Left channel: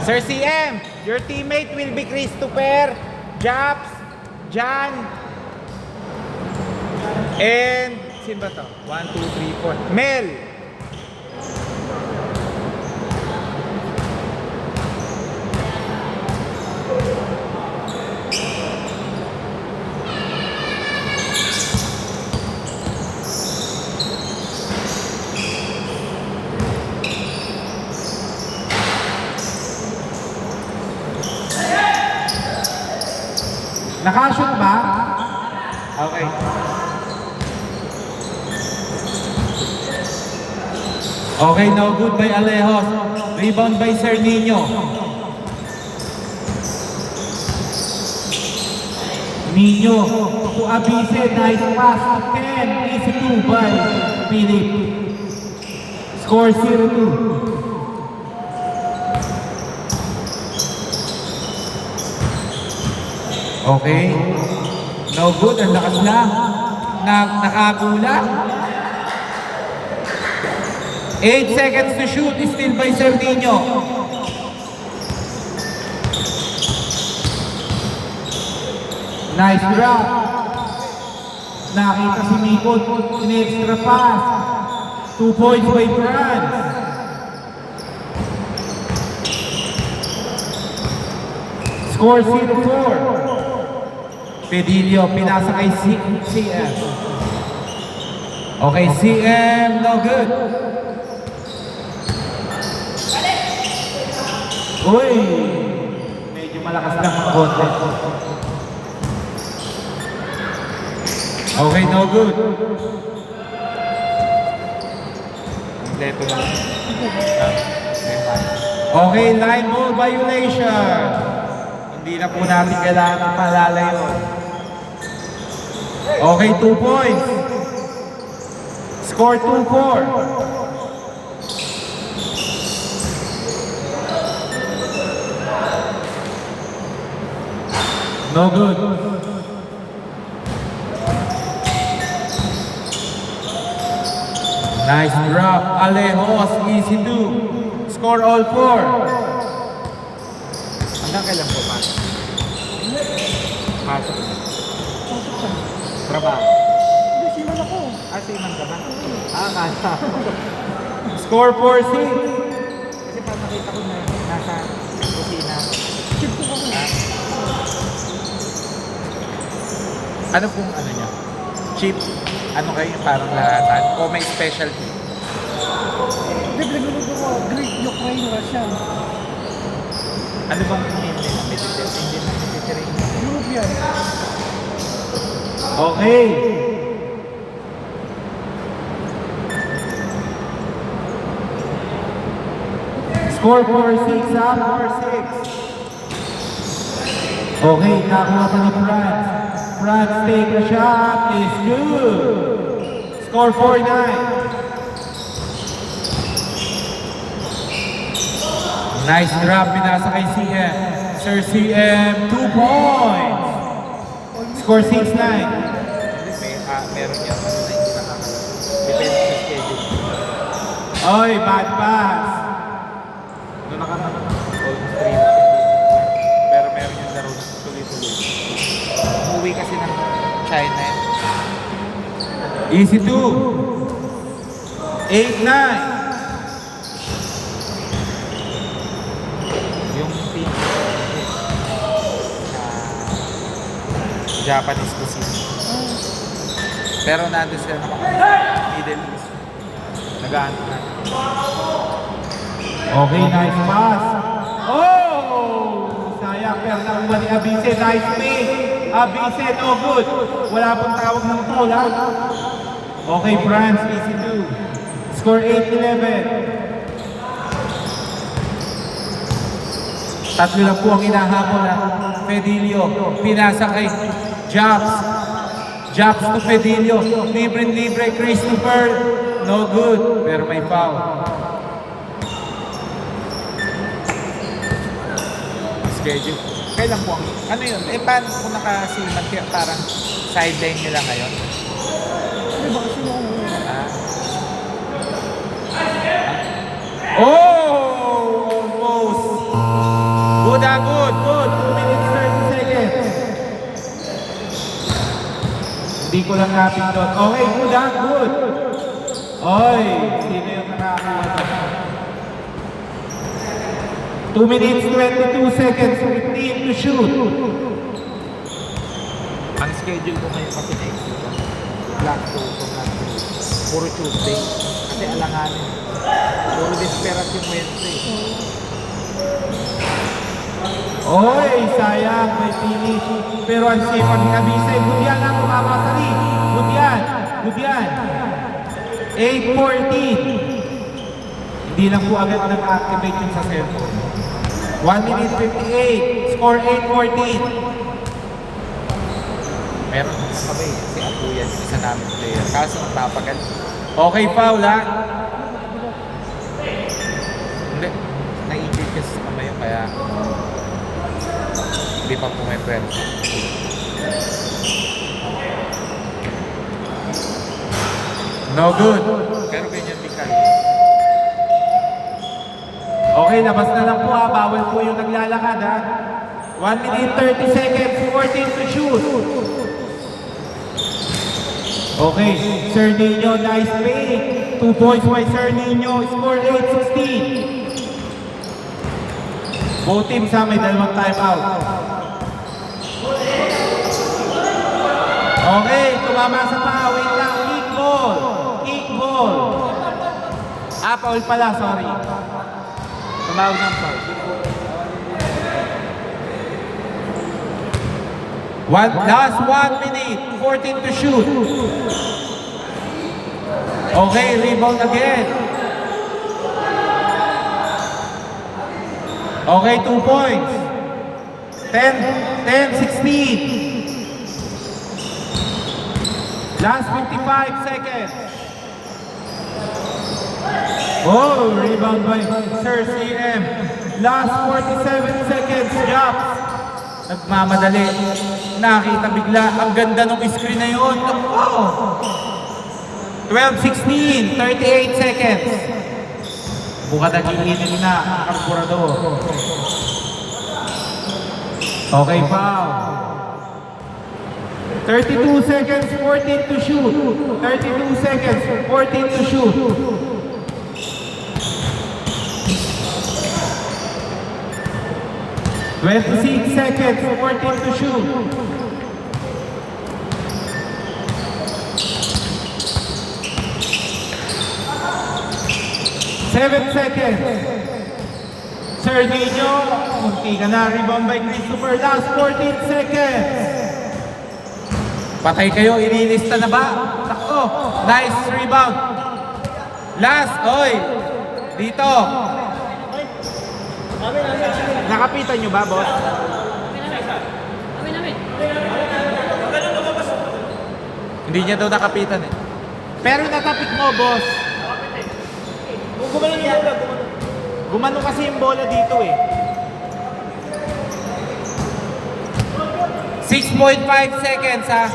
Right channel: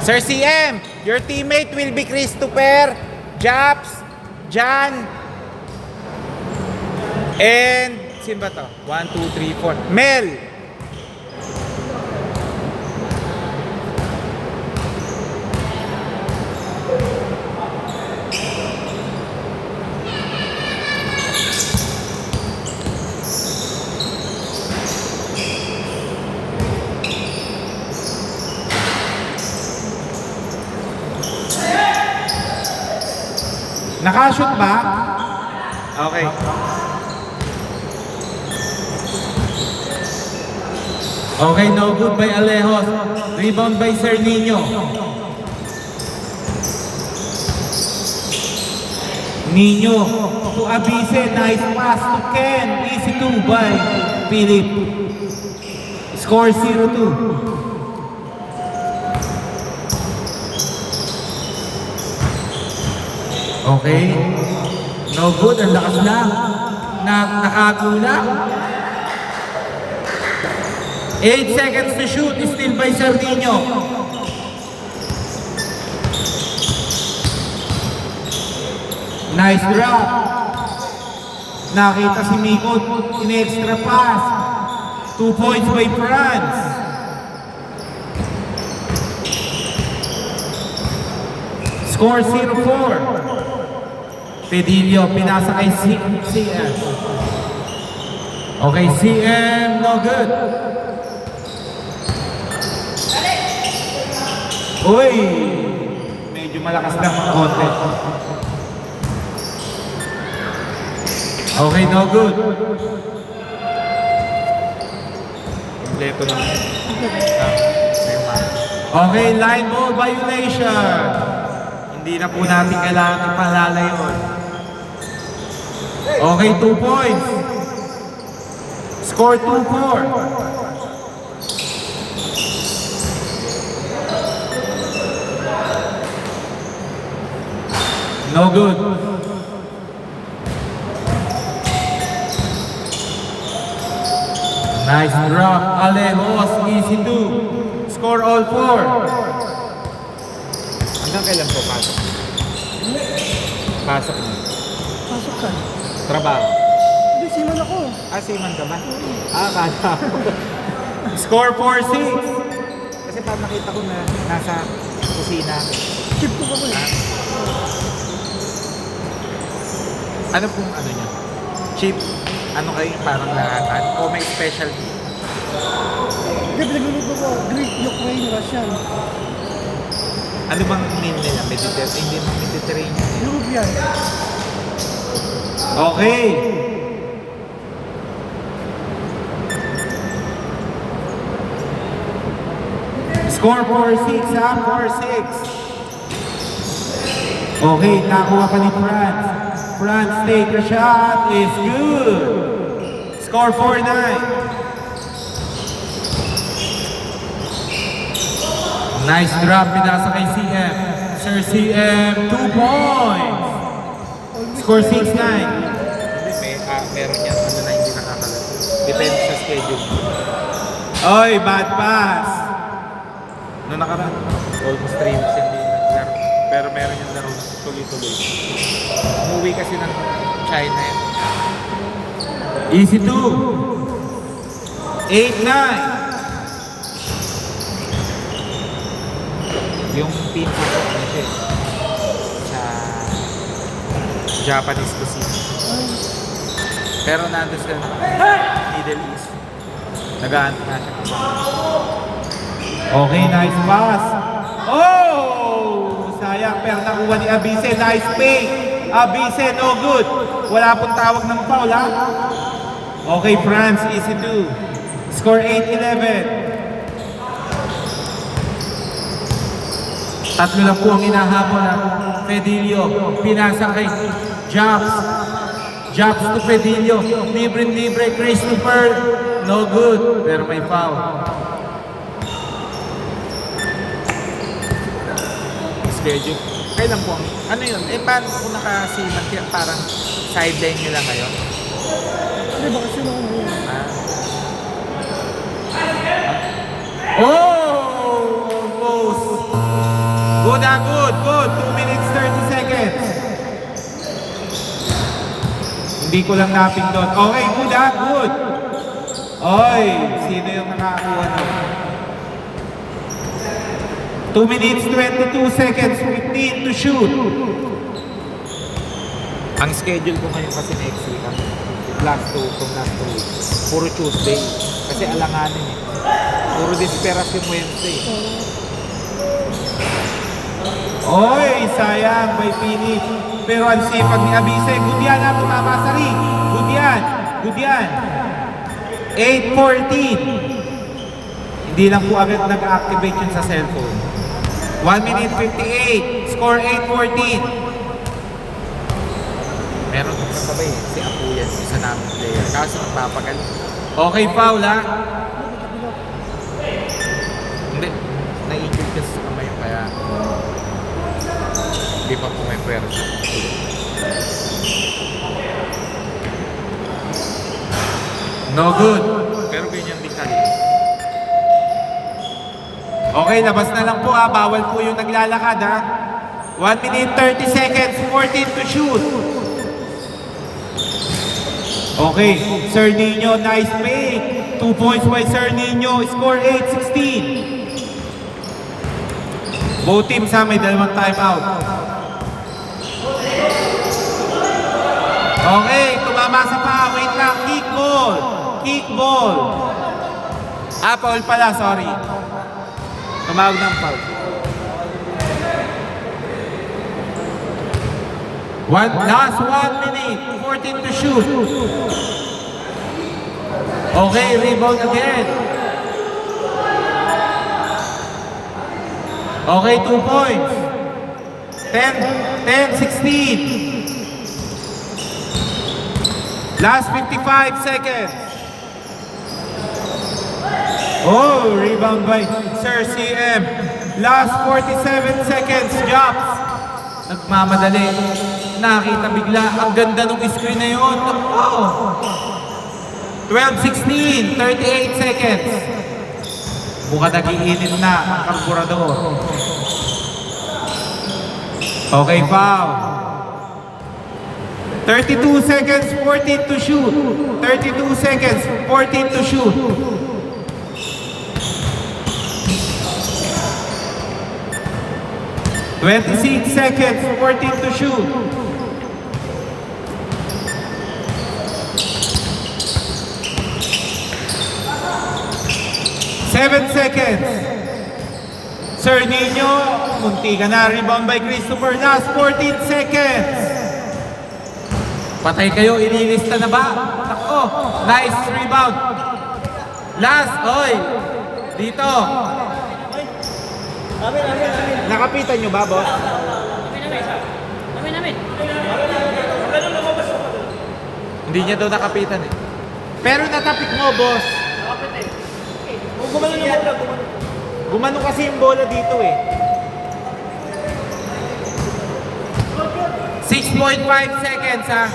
Sir CM, your teammate will be Christopher, Japs, Jan, and sino ba to? 1, 2, 3, 4. Mel. Nakashoot ba? Okay. Okay, no good by Alejos. Rebound by Sir Nino. Nino to Abise. Nice pass to Ken. Easy 2 by Philip. Score 0-2. Okay. No good. Ang lakas lang. Nakagulang. 8 seconds to shoot. Still by Sardinio. Nice drop. Nakita si Miko. In-extra pass. 2 points by France. Score 0-4. Pedilio, pinasa kay CM. Okay, CM, no good. Uy! Medyo malakas lang ang konti. Okay, no good. Kompleto lang. Okay, line ball violation. Hindi na po natin kailangan palalayon. Okay, 2 points. Score 2-4. No good. Nice drop. Alejos, easy 2. Score all 4. Hanggang kailan po pasok? Pasok na. Pasok ka. Trabaho. Hindi, siman ako. Siman ka man? Kaya. Score 4-6. Kasi pa makita ko na nasa kusina. Chip ko ako. Ano pong ano niya? Chip? Ano kayo parang lahatan? O may specialty? Hindi, pinagluluto ko. Greek, Ukraine, Russian. Ano bang name nila? Mediterranean. European. Okay. Score 4-6 ha, 4-6. Okay, nakuha pa ni France. France take a shot, is good. Score 4-9. Nice drop, pinasa kay CM. Sir CM, 2 points. Score 6-9. Hindi, meron yan. Ano na hindi nakakalala. Depende sa schedule. Oy, bad pass. No, almost 3 weeks hindi na. Pero meron yung laro na tuloy-tuloy. Umuwi kasi ng China yan. Easy 2. 8-9. Yung team kasi sa Japanese cuisine. Pero nandun sila Middle East. Nag-aantay na siya. Okay, nice pass. Oh! Sayang, pero nakuha ni Abise. Nice pay. Abise, no good. Wala pong tawag ng foul, ha? Okay, France, easy 2. Score 8-11. Tatlo lang po ang hinahabol na Pedilio. Pinasa kay Japs. Japs to Pedilio. Libre, Christopher. No good. Pero may foul. Schedule. Kailan po ang... Ano yun? Paano kung nakasiman kaya parang sideline nyo lang ngayon? Hindi, baka sino ako ngayon. Ah, Oh! Almost. good. 2 minutes 30 seconds. Hindi ko lang napindot. Okay, good ha, good. Oy, sino yung nakakuha doon? 2 minutes 22 seconds, 15 to shoot. Ang schedule ko ngayon kasi next week, last 2 to last 3. Puro Tuesday. Kasi alanganin eh. Puro desperation Wednesday. Oy, sayang, may finish. Pero ang sipag ni Abise, good yan ha, bumamasari. Good yan, good yan. 8:14. Hindi lang po agad nag-activate yun sa cellphone. 1 minute 58, score 8:14. Meron ng kakabay eh. Si Apo yan, isa namin player. Kaso nagpapagaling. Okay, foul ha. Hindi. Na-injured kasi sa kamay kaya hindi pa po may pwersa. No good. Pero ganyan din kali. Okay, labas na lang po ha. Bawal po yung naglalakad ha. 1 minute 30 seconds, 14 to shoot. Okay, Sir Nino, nice make. 2 points by Sir Nino, score 8-16. Both teams ha, may dalawang timeout. Okay, tumamasa pa. Wait lang, kick ball. Kick ball. Ah, foul pala, sorry. Tumawag ng foul. Last 1 minute, 14 to shoot. Okay, rebound again. Okay, 2 points. 10-16. Last 55 seconds. Oh, rebound by Sir CM. Last 47 seconds, Jops. Nagmamadali. Nakita bigla. Ang ganda ng screen na yun. Oh. 12-16, 38 seconds. Buka nag-iinit na ang karburador. Okay, foul. 32 seconds, 14 to shoot. 32 seconds, 14 to shoot. $26 seconds, 14 to shoot. $7 seconds. Sir Nino, munti ka na. Rebound by Christopher. Last 14 seconds. Patay kayo, ililista na ba? Tako, nice rebound. Last, oy, dito. Nakapitan nyo ba, boss? Hindi niya daw nakapitan eh. Pero natapik mo, boss. Gumano yung bola, gumano kasi yung bola dito eh. 6.5 seconds, ha?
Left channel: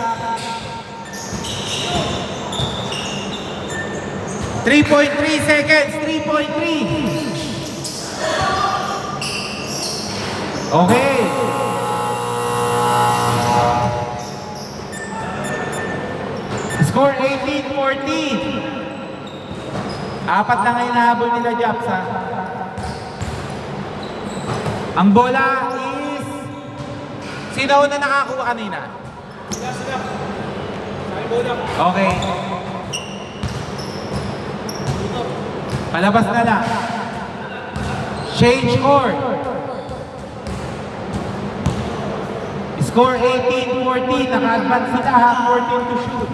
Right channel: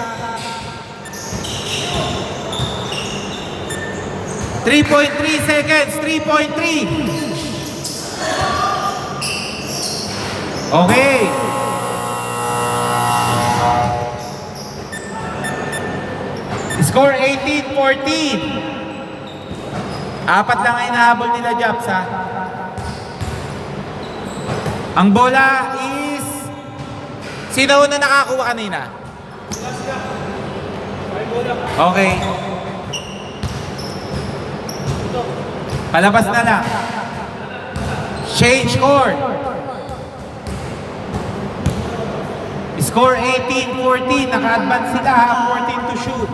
3.3 seconds, 3.3. Okay. Score 18-14. Apat lang ay nahabol nila, Japs, ha? Ang bola is... Sino na nakakuha kanina? Okay. Palabas na lang. Change court. Score 18-14. Naka-advance sila, ha? 14 to shoot.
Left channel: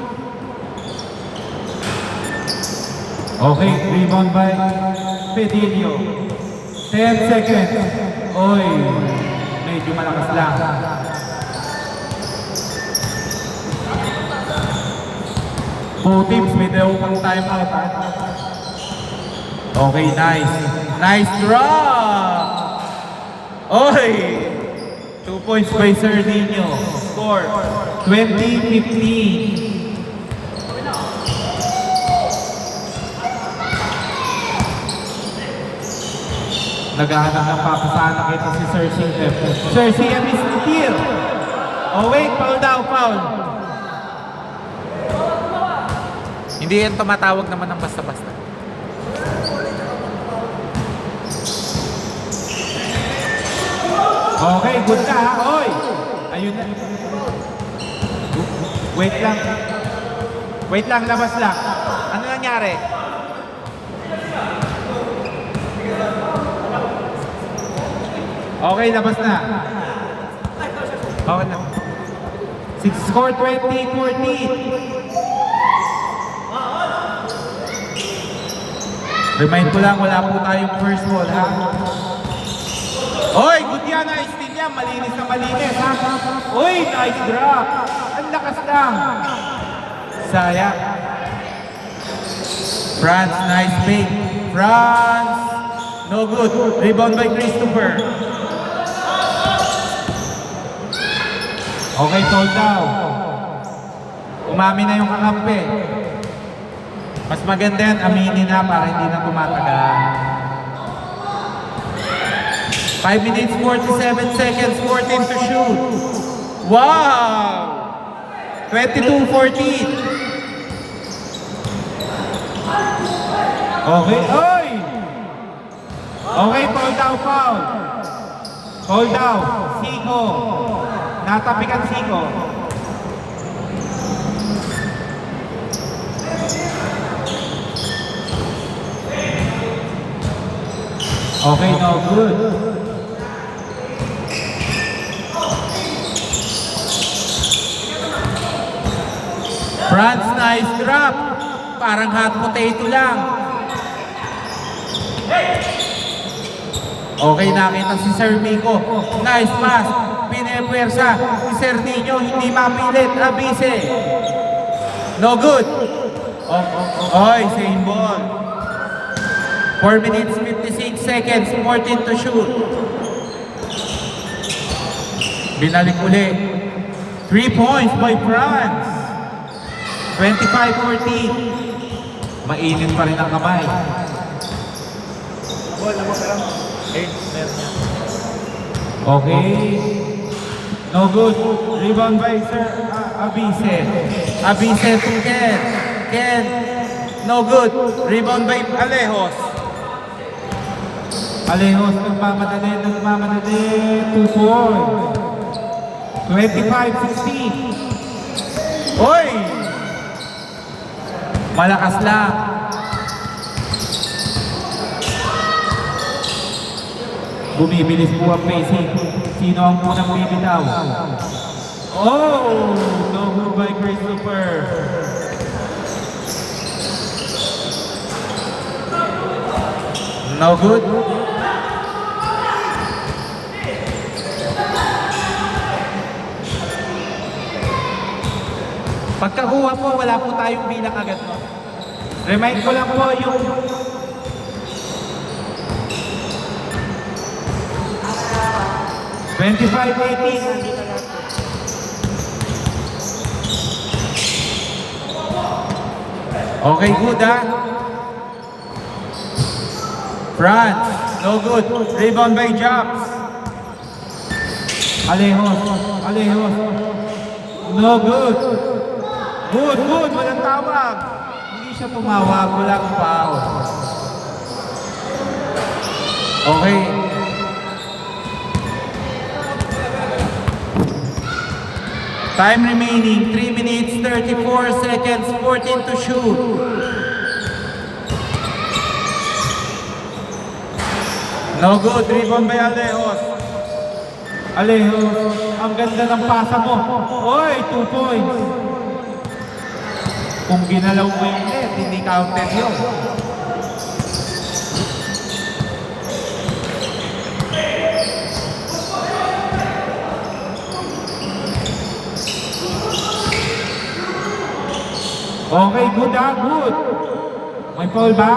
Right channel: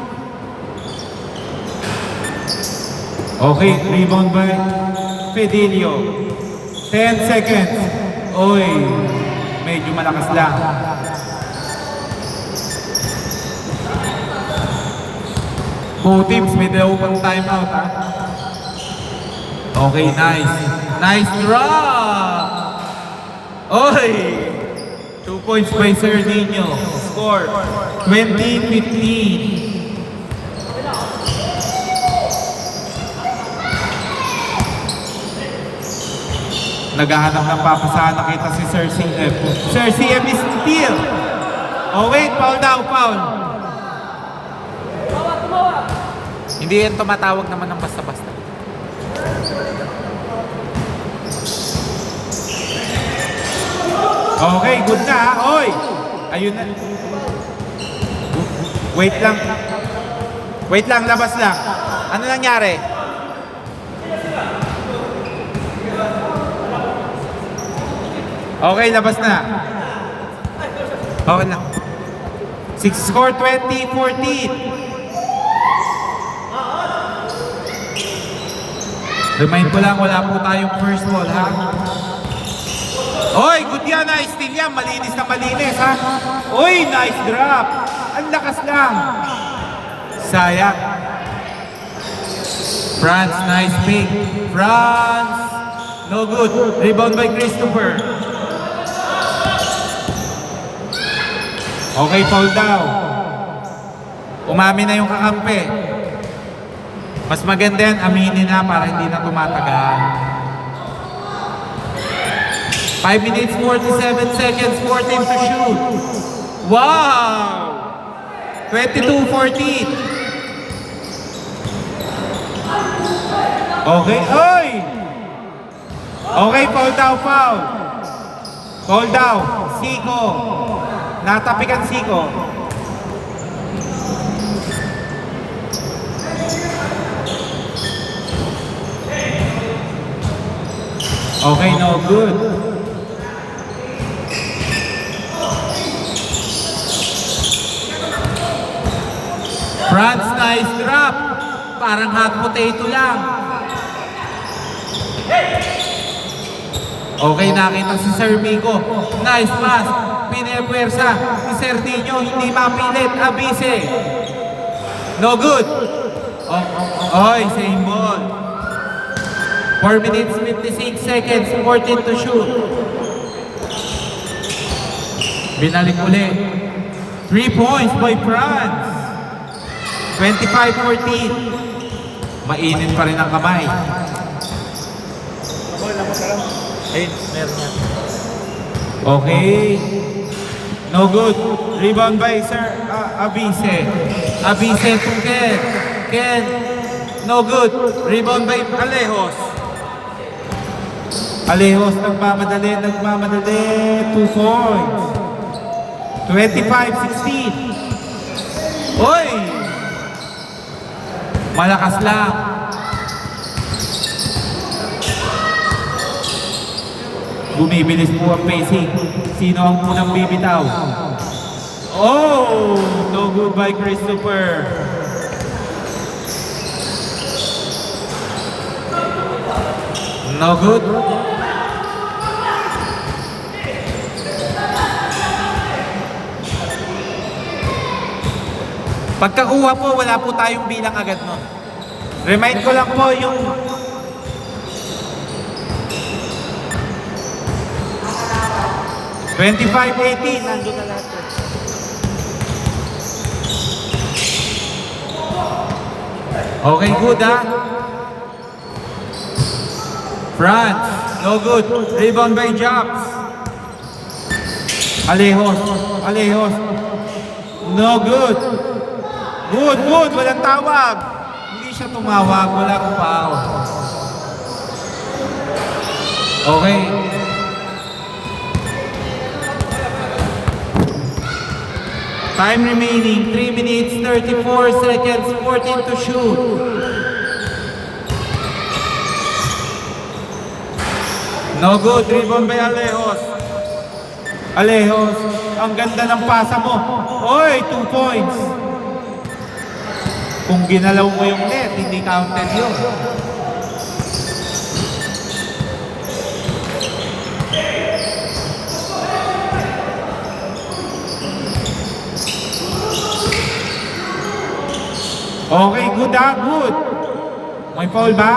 Okay, rebound by Fidelio. 10 seconds. Oy, medyo malakas lang. Both teams may dalawang timeout, ha? Okay, nice. Nice drop! Oy! 2 points by Sir Nino. Score 20-15. Naghahanap ng papasahan, nakita si Sir CM. Sir CM is steal. Oh wait, foul daw, foul. Hindi yan tumatawag naman ng basta-basta. Okay, good na ha. Oy! Ayun na. Wait lang. Wait lang, labas lang. Ano nangyari? Okay, labas na. Okay lang. Score 20-14. Remind ko lang, wala po tayong first ball, ha? Oy, good yan, nice steal yan. Malinis na malinis, ha? Oy, nice drop. Ang lakas lang. Sayang. France, nice pick. France. No good. Rebound by Christopher. Okay, foul down. Umami na yung kakampi. Mas maganda yan, aminin na para hindi na tumatagal. 5 minutes, 47 seconds, 14 to shoot. Wow! 22-14. Okay, oy! Okay, foul down, foul. Foul down, Siko. Natapikan Siko. Okay, no good. France, nice drop. Parang hot potato lang. Okay, nakita si Sir Miko. Nice pass. Pinepwersa. Si Sir Nino hindi mapilit. Abise. No good. Oy, same ball. 4 minutes, 56 seconds, 14 to shoot. Binalik uli. 3 points by France. 25-14. Mainit pa rin ang kamay. Ayun, meron yan. Okay. No good. Rebound by Sir Abise. Abise to Ken. Ken. No good. Rebound by Alejos. Alejos nagmamadali. 2 points. 25-16. Oy! Malakas lang. Bumibilis po ang pacing. Sino ang unang bibitaw? Oh! No good by Christopher. No good. Pagkakuha po, wala po tayong bilang agad, no? Remind ko lang po yung $25-18. Okay, good ha? France, no good. Rebound by Jobs. Alejos. No good. Good. Walang tawag. Hindi siya tumawag. Walang foul. Okay. Time remaining, 3 minutes, 34 seconds, 14 to shoot. No good, rebound by Alejos. Alejos, ang ganda ng pasa mo. Oy, 2 points. Kung ginalaw mo yung net, hindi counted yun. Okay, good ha, good. May foul ba?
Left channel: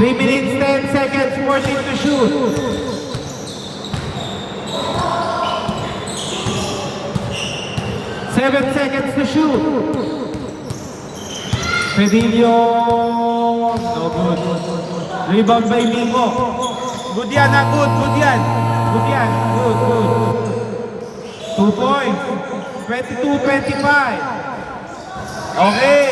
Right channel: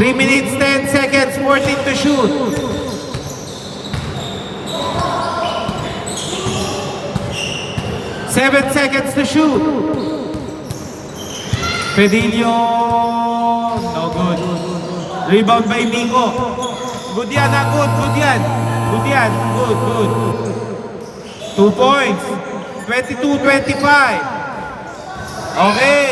3 minutes, 10 seconds, 14 to shoot. Seven seconds to shoot. Pedillo, no Rebound by Miko. Good yan ha, good yan. Good yan, good. 2 points. 22-25. Okay.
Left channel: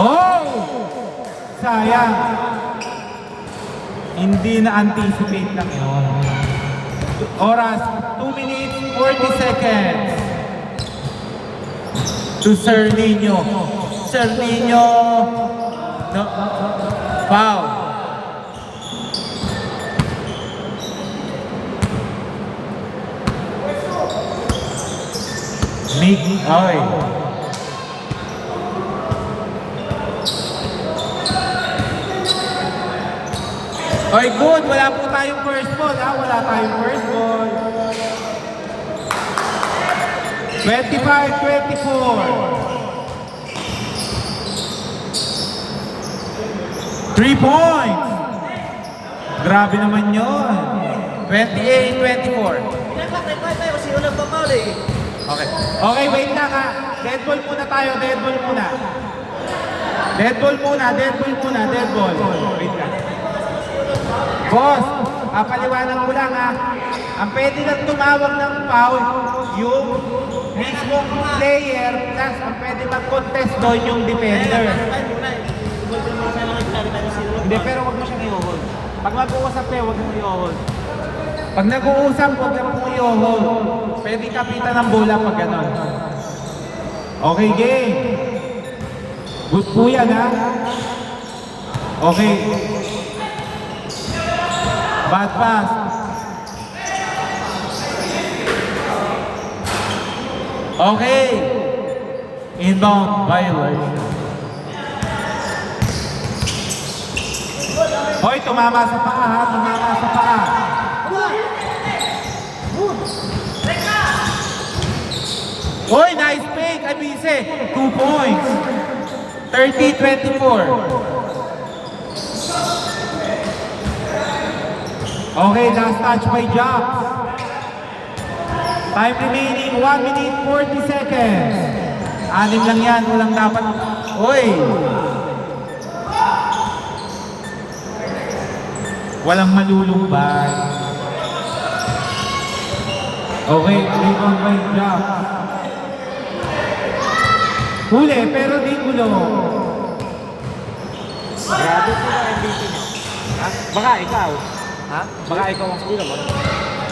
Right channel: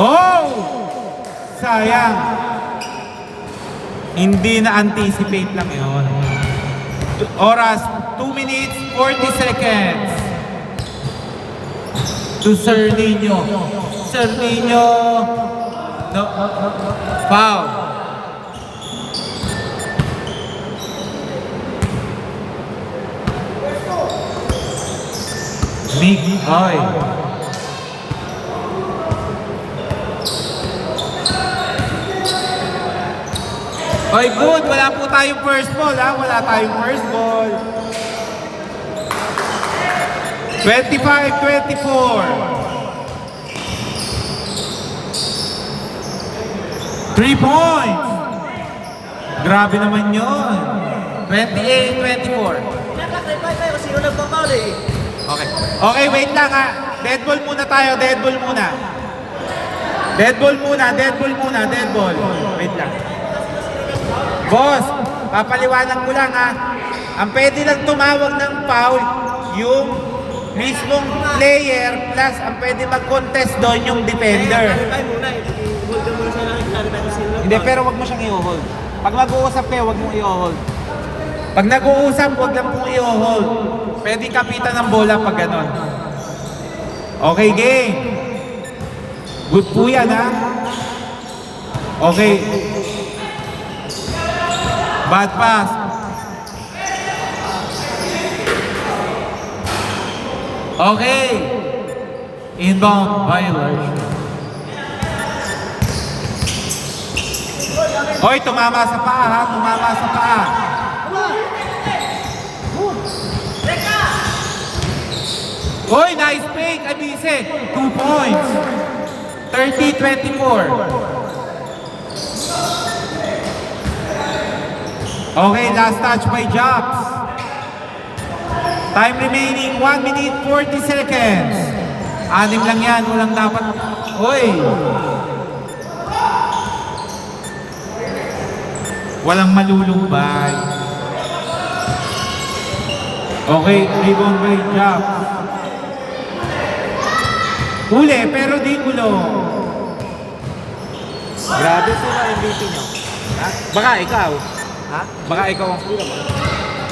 Oh! Sayang. Hindi na-anticipate lang yun. Oras, 2 minutes, 40 seconds. To Sir Nino. Sir Nino. No. Foul. Mig, oy. Oy, good. Wala po tayong first ball, ha? Wala tayong first ball. 25-24. 3 points. Grabe naman yun. 28-24. Kasi yung nagpapaul eh. Okay. Okay, wait lang ha. Dead ball muna tayo, dead ball muna. Dead ball muna. Wait lang. Boss, papaliwanag ko lang ha. Ang pwede lang tumawag ng foul, yung mismong player plus ang pwede mag-contest doon yung defender. Hindi, pero wag mo siyang i-hold. Pag mag-uusap kayo, wag mong i-hold. Pag nag-uusap, huwag lang pong i-hold. Pwede kapitan ng bola pag gano'n. Okay, game. Good po yan, ha? Okay. Bad pass. Okay. Inbound violation. Hoy, tumama sa paa, ha? Tumama sa paa. Hoy, nice fake, Abise. 2 points. 30-24. Okay, last touch by Jobs. Time remaining, 1 minute 40 seconds. 6 lang yan, walang dapat. Hoy! Walang malulumbay. Okay, rebound by Jobs. Huli, pero di gulo. Grabe sila MVP niya. Ha? Baka ikaw. Ha? Baka ikaw ang pula mo.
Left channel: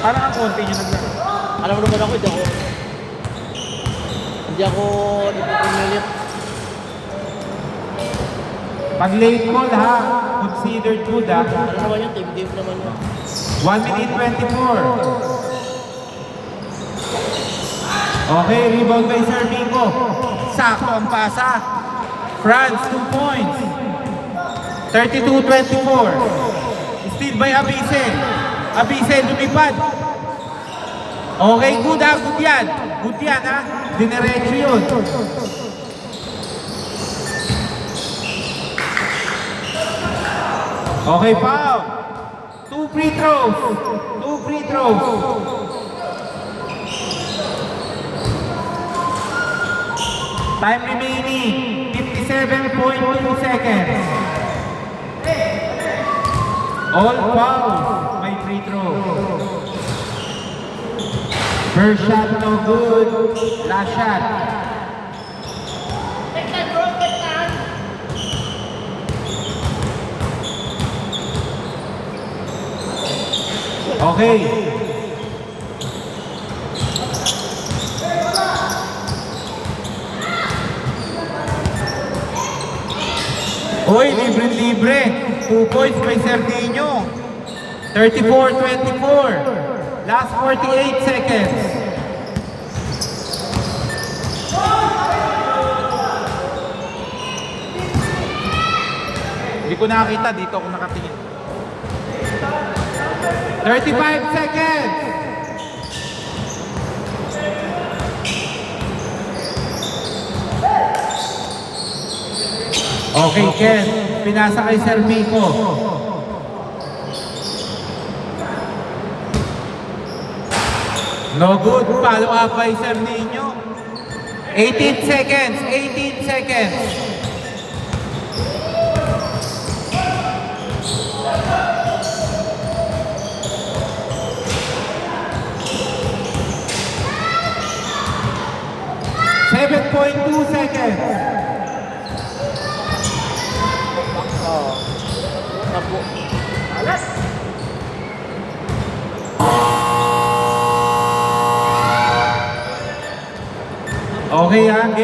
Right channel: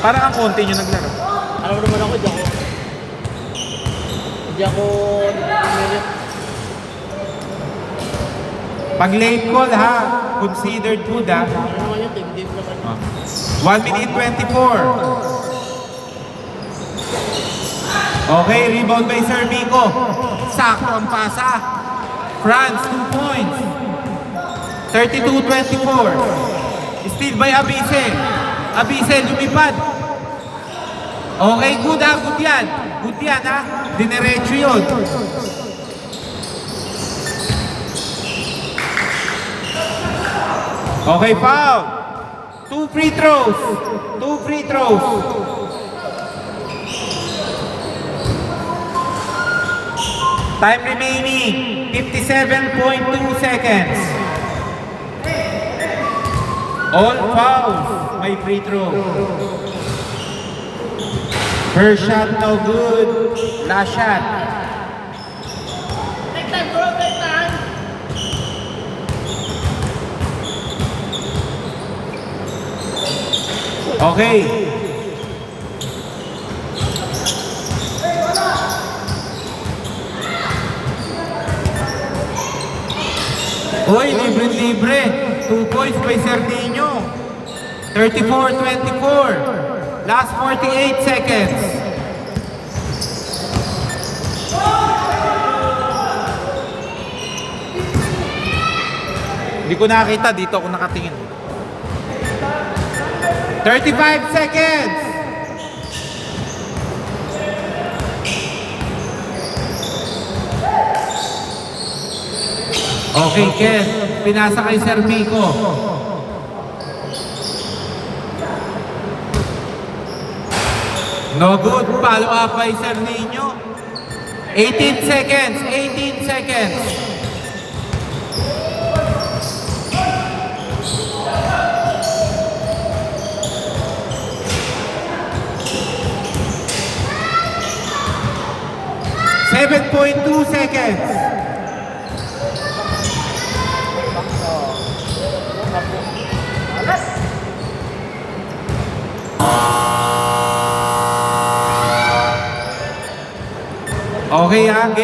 Parang ang konti nyo naglaro. Alam mo naman ako, hindi ako minute. Pag late call ha, considered good ha. Alam naman yun, team naman. 1 minute 24. Okay, rebound by Sir Miko. Sakto ang pasa. France, 2 points. 32-24. Steal by Abise. Abise, lumipad. Okay, good ha, good yan. Good yan ha. Dinerecho yun. Okay, foul. 2 free throws. 2 free throws. Time remaining, 57.2 seconds. All fouls, may free throw. First shot no good, last shot. Okay. Oy, libre-libre. 2 points by Sardinio. 34-24. Last 48 seconds. Hindi ko nakita. Dito ako nakatingin. 35 seconds. Okay, Ken. Pinasa kay Sir Miko. No good. Follow up by Sir Nino. 18 seconds. 18 seconds. 7.2 seconds. Okay, game.